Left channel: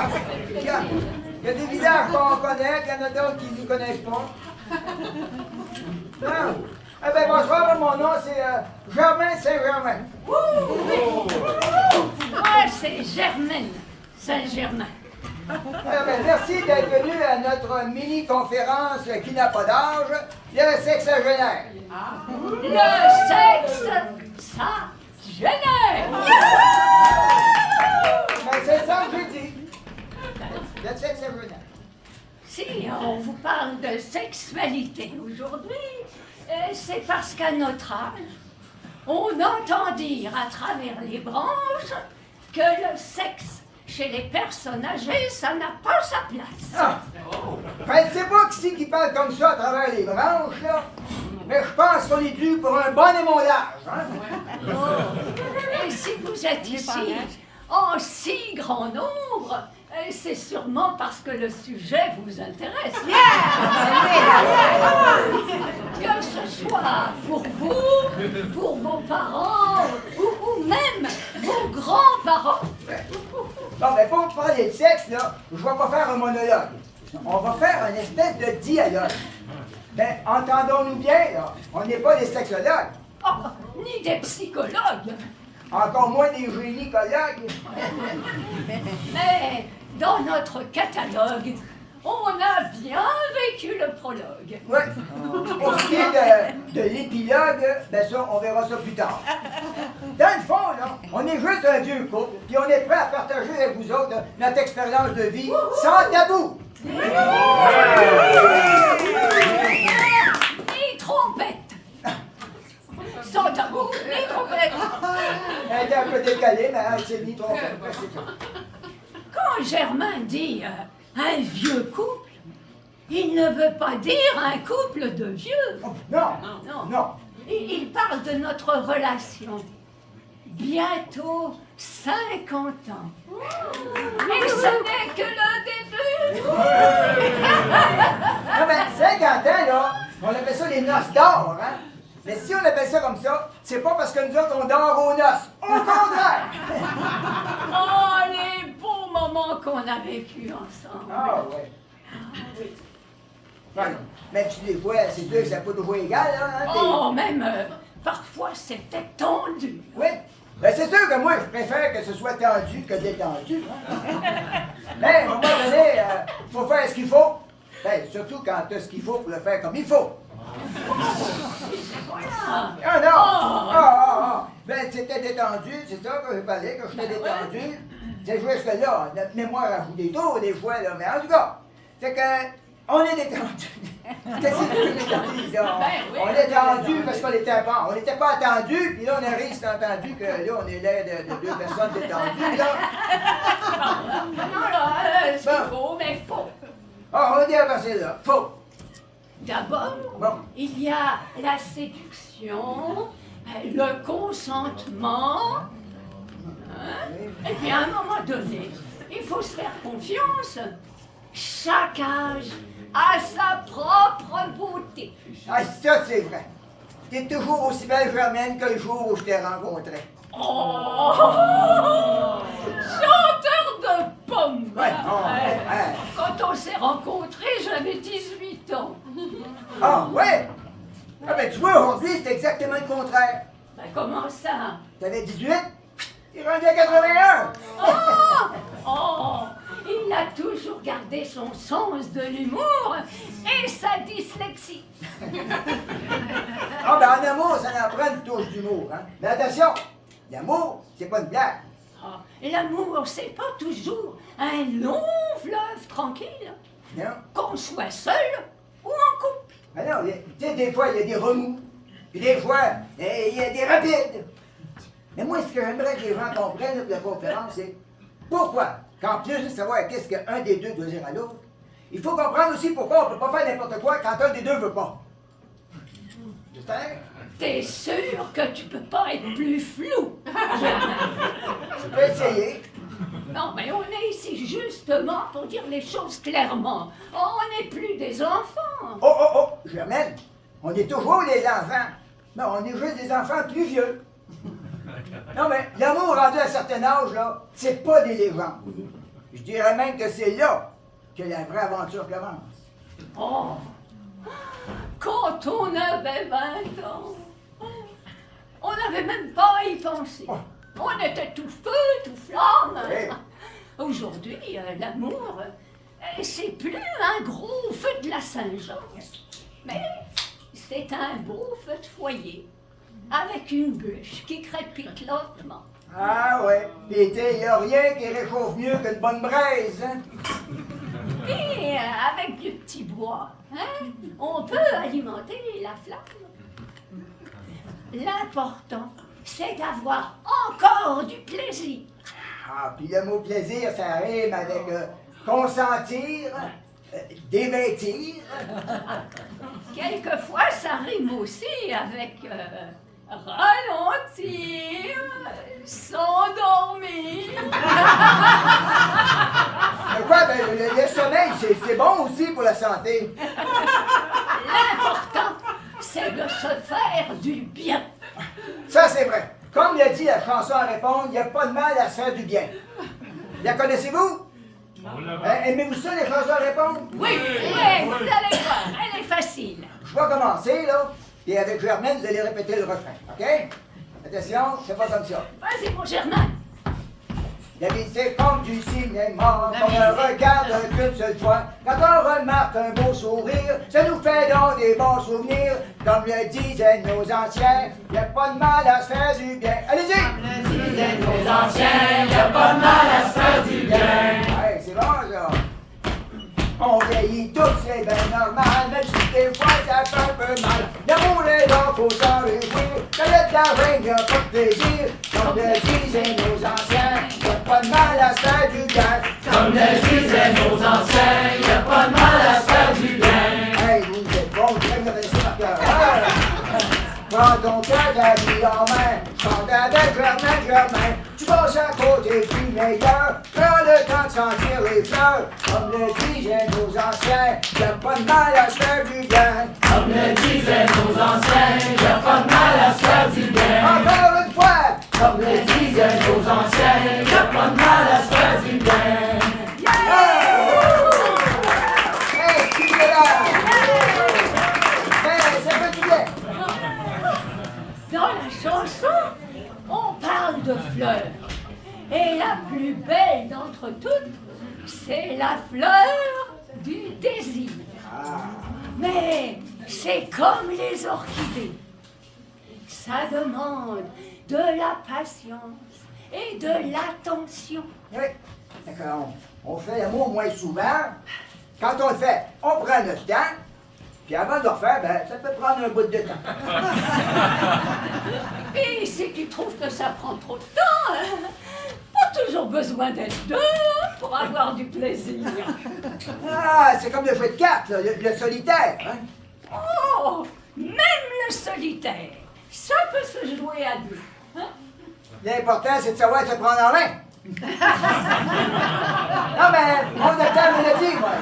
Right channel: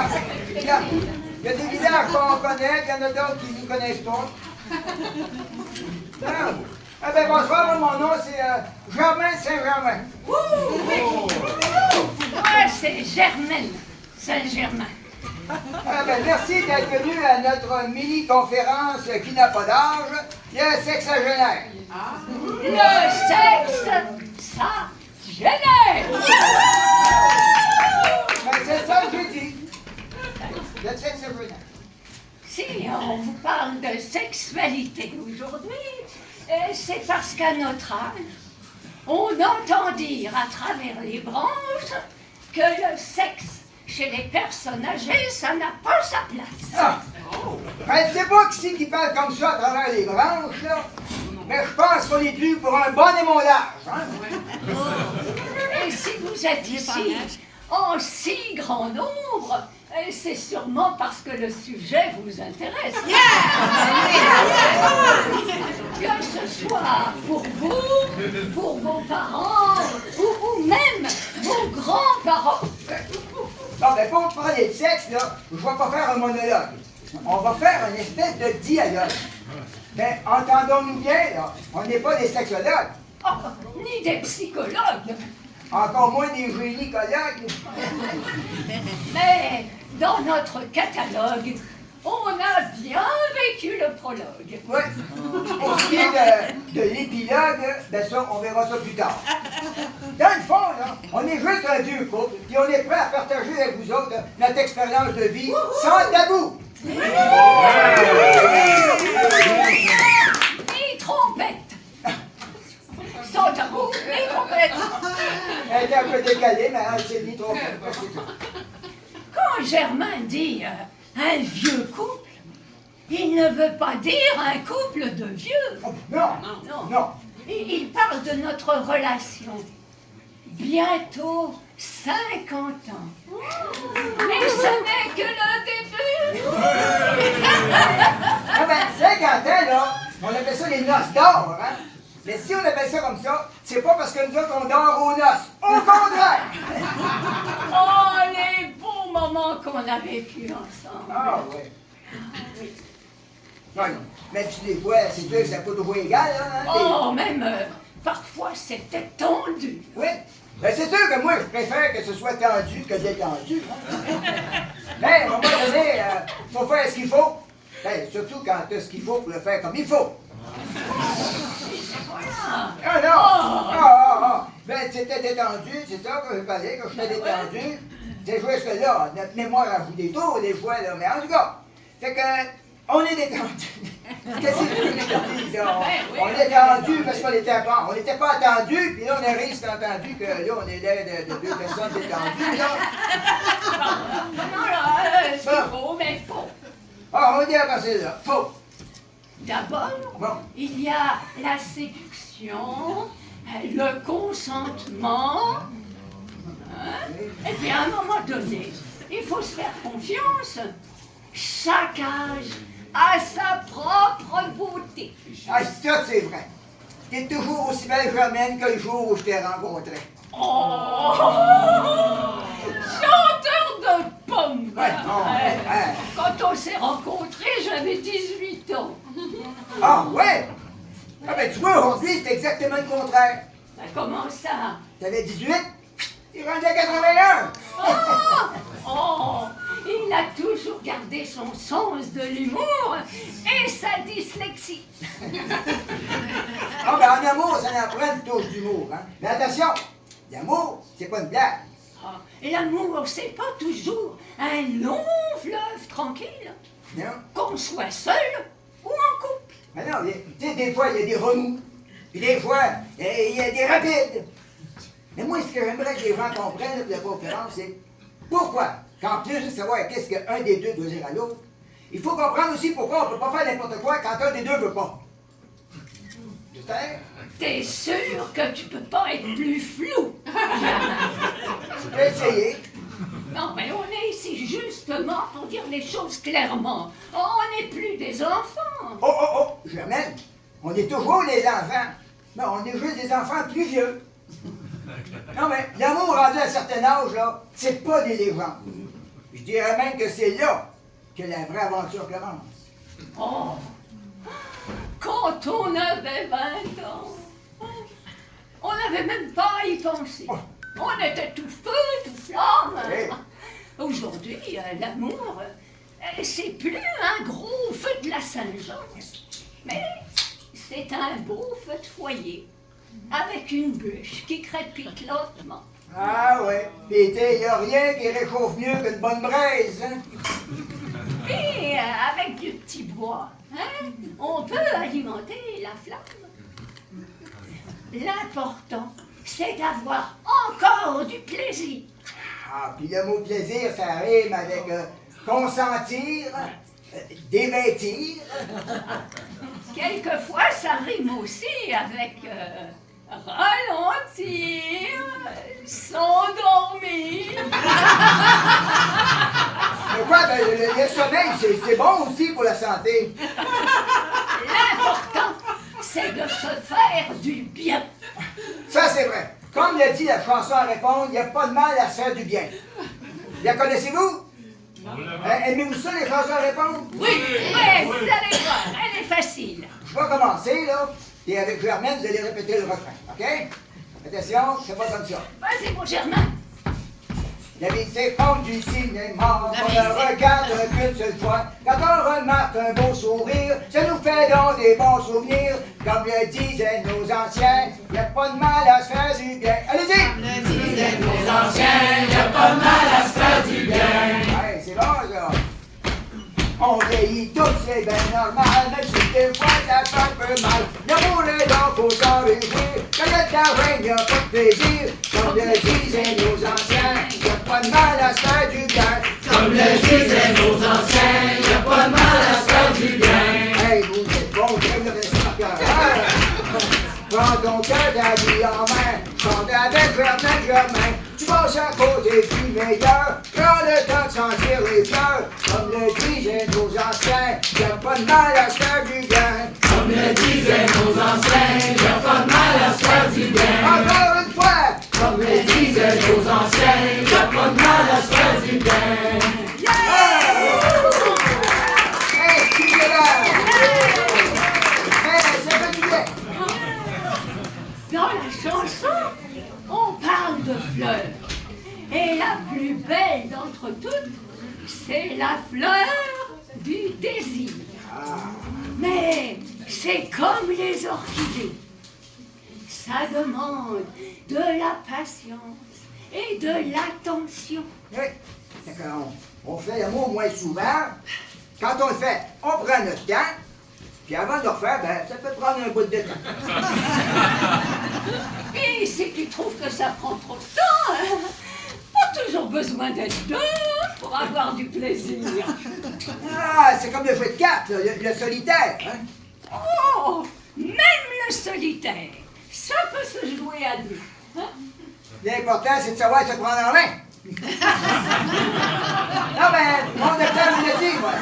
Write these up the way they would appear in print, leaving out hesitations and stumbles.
Ah, regarde, il y a des visages qu'on connaît, il y en a d'autres qui ne nous connaissent pas. Non. Eh bien, bonsoir, mon nom, c'est Germain Saint-Germain. Moi, c'est Germaine Saint-Germain. Eh bien, merci d'être venu à notre mini-conférence qui n'a pas d'âge, le sexagénaire. Le sexe, ça génère. Ben, c'est ça que j'ai dit. Le sexagénaire. Si on vous parle de sexualité aujourd'hui, c'est parce qu'à notre âge, on entend dire à travers les branches que le sexe chez les personnes âgées, ça n'a pas sa place. Ah. Ben, c'est pas qui parle comme ça à travers les branches, là. Mais je pense qu'on est dû pour un bon émondage, hein? Et si vous êtes ici en si grand nombre, c'est sûrement parce que le sujet vous intéresse. Que ce soit pour vous, pour vos parents ou même vos grands-parents. Bon, ben, pour parler de sexe, là, je vais pas faire un monologue. On va faire une espèce de dialogue. Ben, entendons-nous bien, là, on n'est pas des sexologues. Oh, ni des psychologues. Encore moins des gynécologues. Mais dans notre catalogue, on a bien vécu le prologue. Oui. Pour ce qui est de l'épilogue, ben ça, on verra ça plus tard. Dans le fond, là, on est juste un vieux couple, puis on est prêt à partager avec vous autres notre expérience de vie sans tabou. Ni trompette. Sans tabou, ni trompette. Elle était un peu décalée, mais elle s'est dit trop. Quand Germain dit un vieux couple, il ne veut pas dire un couple de vieux. Oh, non, Non. non. Il parle de notre relation. Bientôt 50 ans. Et ce n'est que le début. Non, mais 50 ans, là, on appelle ça les noces d'or, hein? Mais si on appelle ça comme ça, c'est pas parce que nous autres, on dort aux noces. Au contraire! Oh, les beaux moments qu'on a vécus ensemble. Ah, ouais. Non, non. Mais tu les vois, c'est sûr que c'est pas toujours égal, hein? Oh, même parfois c'était tendu. Oui. Ben, c'est sûr que moi, je préfère que ce soit tendu que détendu. Hein? Mais, à un moment donné, faut faire ce qu'il faut. Ben, surtout quand tu as ce qu'il faut pour le faire comme il faut. Voilà. Ah non! Ben, c'était détendu, c'est ça que je parlais, que j'étais détendu. C'est juste que là, notre mémoire a voulu des tours des fois, là, mais en tout cas, c'est que on est détendu. Qu'est-ce que tu veux dire, là? On est tendu parce qu'on était pas. On n'était pas attendu, puis là, on arrive, c'est entendu que là, on est là de deux personnes détendues, là. Non, là, ce qu'il faut, mais faux. Ah, on dit à passer là. Faux. D'abord, Bon. il y a la séduction, le consentement. Hein? Et puis à un moment donné, il faut se faire confiance. Chaque âge a sa propre beauté. Ah, ça, c'est vrai. T'es toujours aussi belle, Germaine, que le jour où je t'ai rencontré. Oh! Chanteur de pommes! Ouais, ouais. Quand on s'est rencontrés, j'avais 18 ans. Ah, ouais? Ah, ben, tu vois, aujourd'hui, c'est exactement le contraire. Ben, comment ça? T'avais 18, t'es rendu à 81. Oh! Il a toujours gardé son sens de l'humour et sa dyslexie. Ah, ben, en amour, ça en prend une touche d'humour, hein. Mais attention, l'amour, c'est pas une blague. Ah, l'amour, c'est pas toujours un long fleuve tranquille, Non? qu'on soit seul ou en couple. Ah non, tu sais, des fois, il y a des remous. Puis des fois, il y a des rapides. Mais moi, ce que j'aimerais que les gens comprennent de la conférence, c'est pourquoi, qu'en plus de savoir qu'est-ce qu'un des deux doit dire à l'autre, il faut comprendre aussi pourquoi on ne peut pas faire n'importe quoi quand un des deux veut pas. J'espère? T'es sûr que tu peux pas être plus flou? Je peux essayer. Non, mais on est ici justement pour dire les choses clairement. On n'est plus des enfants. Oh, Germaine, on est toujours les enfants. Non, on est juste des enfants plus vieux. Non, mais l'amour rendu à un certain âge, là, c'est pas des légendes. Je dirais même que c'est là que la vraie aventure commence. Oh, quand on avait 20 ans, on n'avait même pas à y penser. On était tout feu, tout flamme. Oui. Aujourd'hui, l'amour, c'est plus un gros feu de la Saint-Jean, mais c'est un beau feu de foyer avec une bûche qui crépite lentement. Ah ouais, pis il n'y a rien qui réchauffe mieux qu'une bonne braise, hein? Et avec du petit bois, hein, on peut alimenter la flamme. L'important, c'est d'avoir encore du plaisir. Ah, puis le mot plaisir, ça rime avec consentir, dévêtir. Quelquefois, ça rime aussi avec ralentir, s'endormir. Mais quoi, ben, le sommeil, c'est bon aussi pour la santé. L'important, c'est de se faire du bien. Ça, c'est vrai. Comme l'a dit la chanson à répondre, il n'y a pas de mal à se faire du bien. La connaissez-vous? Aimez-vous ça, les chansons à répondre? Oui, vous allez voir, elle est facile. Je vais commencer, là, et avec Germaine, vous allez répéter le refrain, OK? Attention, c'est pas comme ça. Vas-y, mon Germain. La vie, c'est comme du cinéma, on ne regarde qu'une seule fois. Quand on remarque un beau sourire, ça nous fait donc des bons souvenirs. Comme le disaient nos anciens, y a pas de mal à se faire du bien. Allez-y! Comme le disaient nos anciens, y a pas de mal à se faire du bien. Ouais, c'est bon, ça. On vieillit tous, c'est bien normal, même si des fois ça fait un peu mal. L'amour est là, faut s'en réjouir. Quand il y a de l'argent, y a pas de plaisir. Comme le disaient nos anciens, y a pas de mal à se faire du bien. Comme le disaient nos anciens, y a pas de mal à se faire du bien. Hey, vous êtes bons, vous devez me laisser par cœur. Prends ton cœur la vie en main, chante avec Germain. Tu passes à côté du meilleur, prends le temps de sentir les fleurs. Comme le disaient nos anciens, y a pas de mal à se faire du bien. Comme le disaient nos anciens, y a pas de mal à se faire du bien. Encore une fois, Comme le disaient nos anciens, y a pas de mal à se faire du bien. Dans la chanson, on parle de fleurs. Et la plus belle d'entre toutes, c'est la fleur du désir. Mais c'est comme les orchidées. Ça demande de la patience et de l'attention. Oui, d'accord. On fait l'amour moins souvent. Quand on le fait, on prend notre temps. Puis avant de le refaire, ben, ça peut prendre un bout de temps. Et si tu trouves que ça prend trop de temps, pas toujours besoin d'être deux pour avoir du plaisir. Ah, c'est comme le jeu de cartes, là, le solitaire. Hein? Oh, même le solitaire, ça peut se jouer à deux. Hein? L'important, c'est de savoir se prendre en main. Non, mais mon docteur me l'a dit, moi.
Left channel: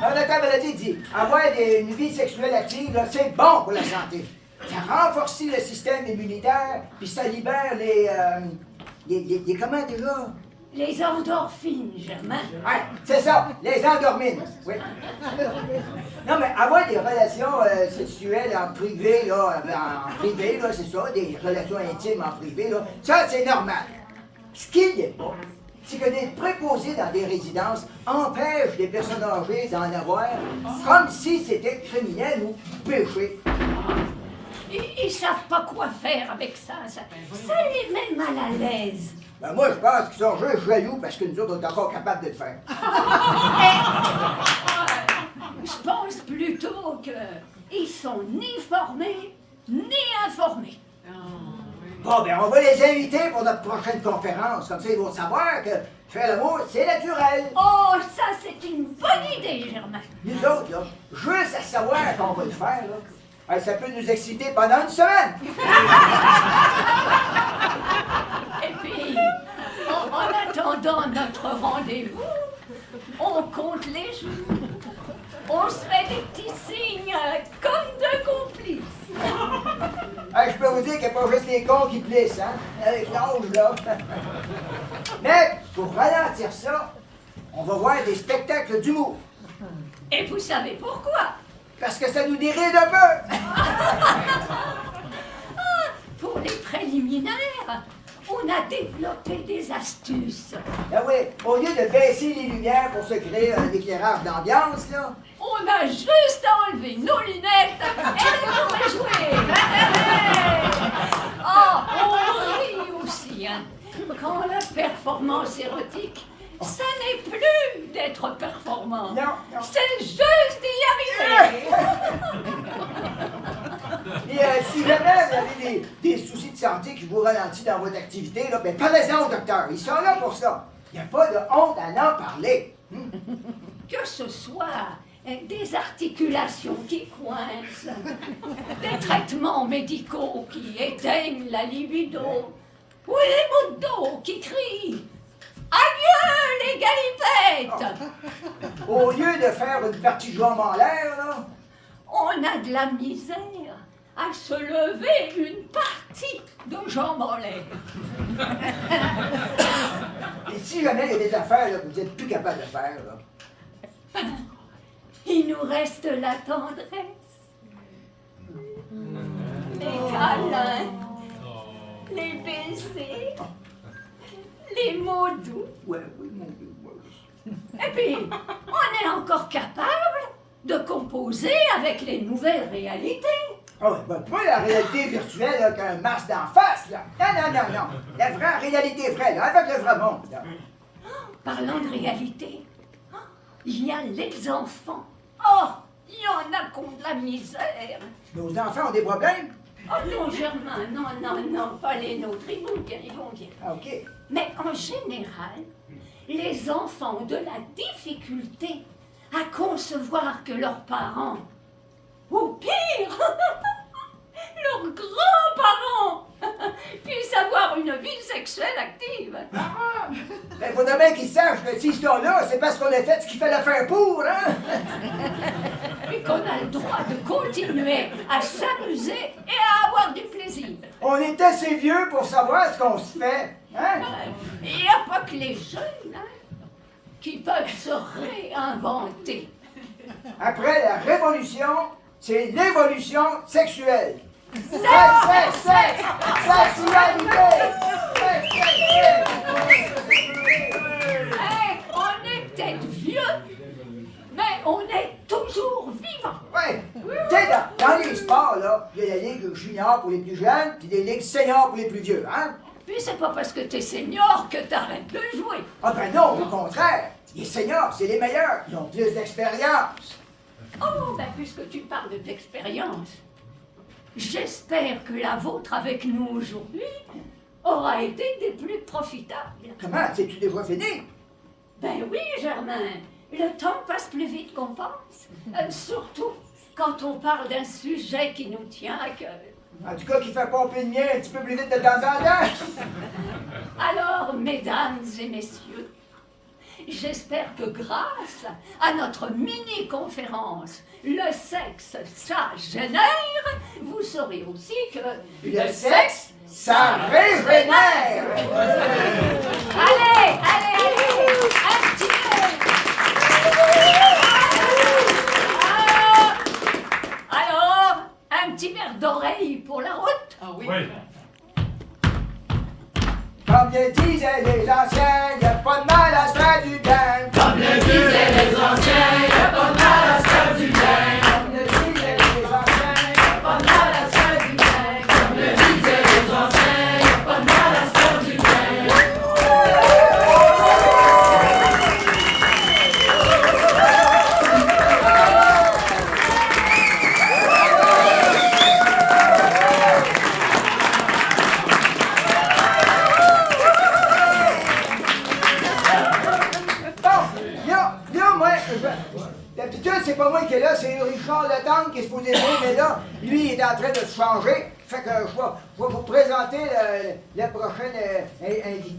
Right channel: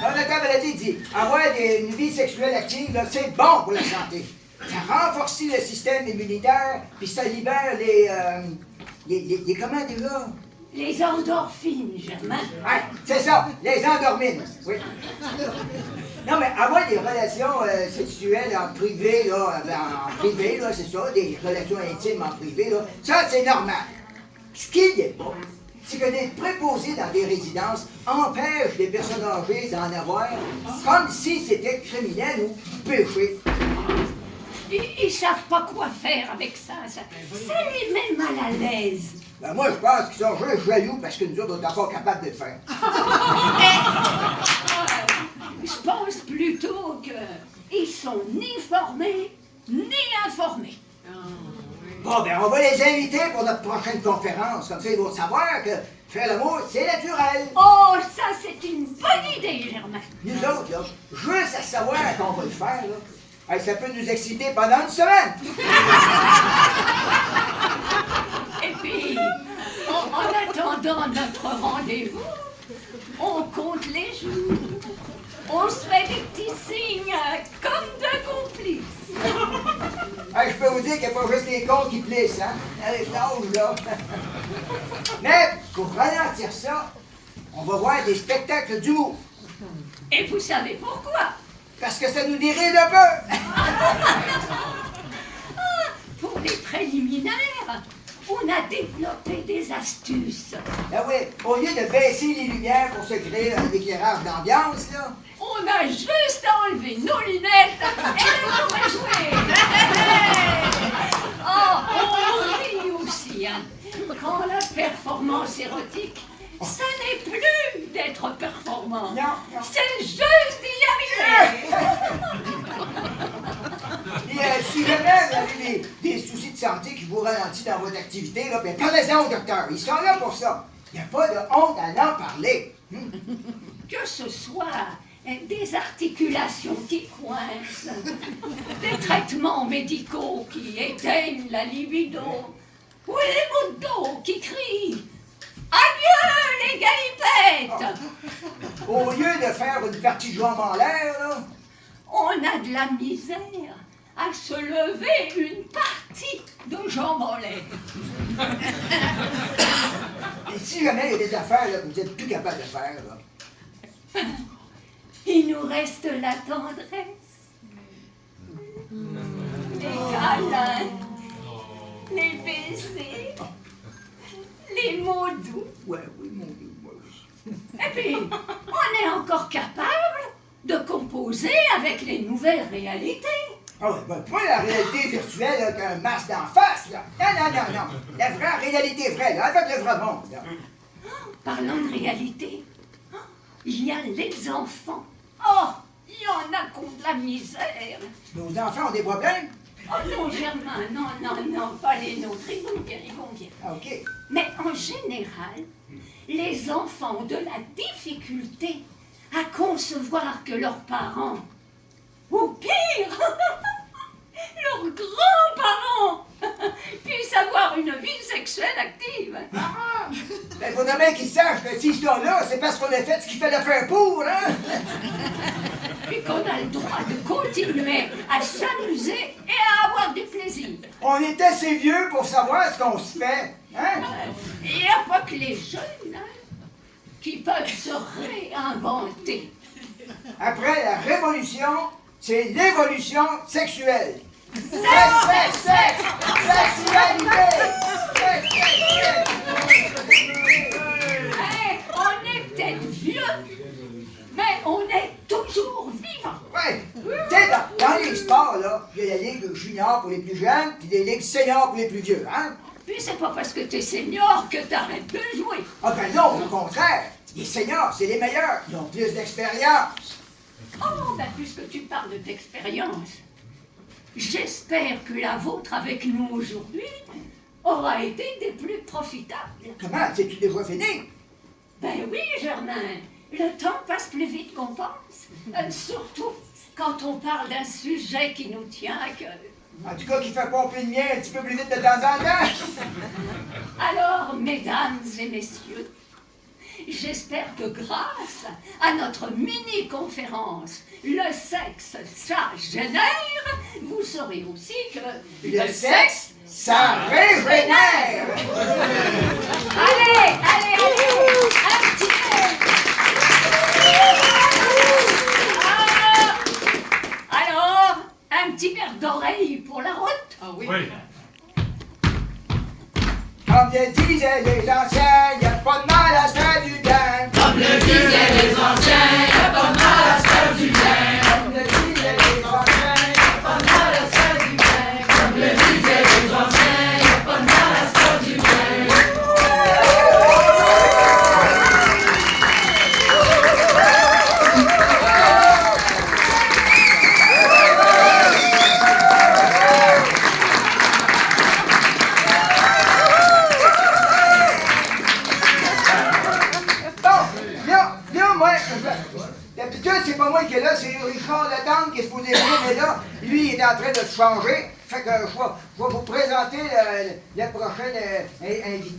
Mon docteur me l'a dit, avoir une vie sexuelle active, là, c'est bon pour la santé. Ça renforce le système immunitaire, puis ça libère les comment déjà? Les endorphines, Germain. Ouais, c'est ça, les endormines. Oui. Non, mais avoir des relations sexuelles en privé, là, c'est ça, des relations intimes en privé, là, ça, c'est normal. Ce qui n'est pas, c'est que d'être préposé dans des résidences empêche les personnes âgées d'en avoir, comme si c'était criminel ou péché. Ils savent pas quoi faire avec ça. Ça les met mal à l'aise. Ben moi, je pense qu'ils sont juste jaloux parce que nous autres, on est encore capables de le faire. Je pense plutôt qu'ils sont ni formés, ni informés. Bon, ben on va les inviter pour notre prochaine conférence. Comme ça, ils vont savoir que faire l'amour, c'est naturel. Oh, ça, c'est une bonne idée, Germain. Nous autres, là, juste à savoir qu'on va le faire, là, hey, ça peut nous exciter pendant une semaine. Et puis, en attendant notre rendez-vous, on compte les jours. On se fait des petits signes comme de complices. Hey, je peux vous dire qu'il n'y a pas juste les cons qui plissent, hein, avec l'âge, là. Mais, pour ralentir ça, On va voir des spectacles d'humour. Et vous savez pourquoi? Parce que ça nous déride un peu. Pour les préliminaires, on a développé des astuces. Ah oui, au lieu de baisser les lumières pour se créer un éclairage d'ambiance, là, On a juste à enlever nos lunettes et on pourrait jouer. On rit aussi, hein. Quand la performance érotique, ça n'est plus d'être performant. Non. C'est juste d'y arriver. Et si jamais vous avez des soucis de santé qui vous ralentissent dans votre activité, là, ben parlez-en au docteur. Ils sont là pour ça. Il n'y a pas de honte à en parler. Que ce soit des articulations qui coincent, des traitements médicaux qui éteignent la libido, ou les maux de dos qui crient « Adieu les galipettes !» Au lieu de faire une partie de jambes en l'air, là, On a de la misère à se lever une partie de jambes en l'air. et si jamais il y a des affaires là, que vous n'êtes plus capable de faire, là, Il nous reste la tendresse, les câlins, les baisers, les mots doux. ouais, oui, mon Dieu, ouais, oui. Et puis, on est encore capable de composer avec les nouvelles réalités. Ah ouais, ben, pas la réalité virtuelle avec un masque d'en face, là. Non. La vraie réalité vraie, là, avec le vrai monde, là. Parlant de réalité, il y a les enfants. Oh, il y en a qui ont de la misère. Nos enfants ont des problèmes? Oh non, Germain, non, pas les nôtres, ils vont bien. Ah, OK. Mais en général, les enfants ont de la difficulté à concevoir que leurs parents, ou pire, leurs grands-parents, puissent avoir une vie sexuelle active. Ben, faudrait bien qu'ils sachent que s'ils sont là, c'est parce qu'on a fait ce qu'il fallait faire pour, hein? Et qu'on a le droit de continuer à s'amuser et à avoir du plaisir. On est assez vieux pour savoir ce qu'on se fait, hein? Il n'y a pas que les jeunes qui peuvent se réinventer. Après la révolution, c'est l'évolution sexuelle. Sexe, sexualité! On est peut-être vieux, mais on est toujours vivant. Ouais. Tu sais, dans les sports, là, il y a la ligue junior pour les plus jeunes, puis des ligues seniors pour les plus vieux, hein? Puis c'est pas parce que t'es senior que t'arrêtes de jouer. Ah ben non, au contraire. Les seniors, c'est les meilleurs. Ils ont plus d'expérience. Oh, ben puisque tu parles d'expérience, j'espère que la vôtre avec nous aujourd'hui aura été des plus profitables. Comment? C'est-tu déjà fini? Ben oui, Germain, le temps passe plus vite qu'on pense. Surtout quand on parle d'un sujet qui nous tient à cœur. En tout cas, qui fait pomper le mien un petit peu plus vite de temps en temps. Alors, mesdames et messieurs, j'espère que grâce à notre mini-conférence « Le sexe, ça génère », vous saurez aussi que Le sexe, ça régénère. Allez, un petit peu. Alors, un petit verre d'oreille pour la route. Ah oui. Comme le disaient les anciens, y a pas de mal à se faire du bien. Comme le disaient les anciens, y a pas de mal à se faire du bien. Comme le disaient les anciens, Y a pas de mal à se faire du bien. Comme le disaient les anciens, y a pas de mal à se faire du bien. d'habitude, c'est pas moi qui est là, c'est Richard Letendre qui est supposé venir, mais là, lui, il est en train de se changer. Fait que je vais vous présenter le prochain invité.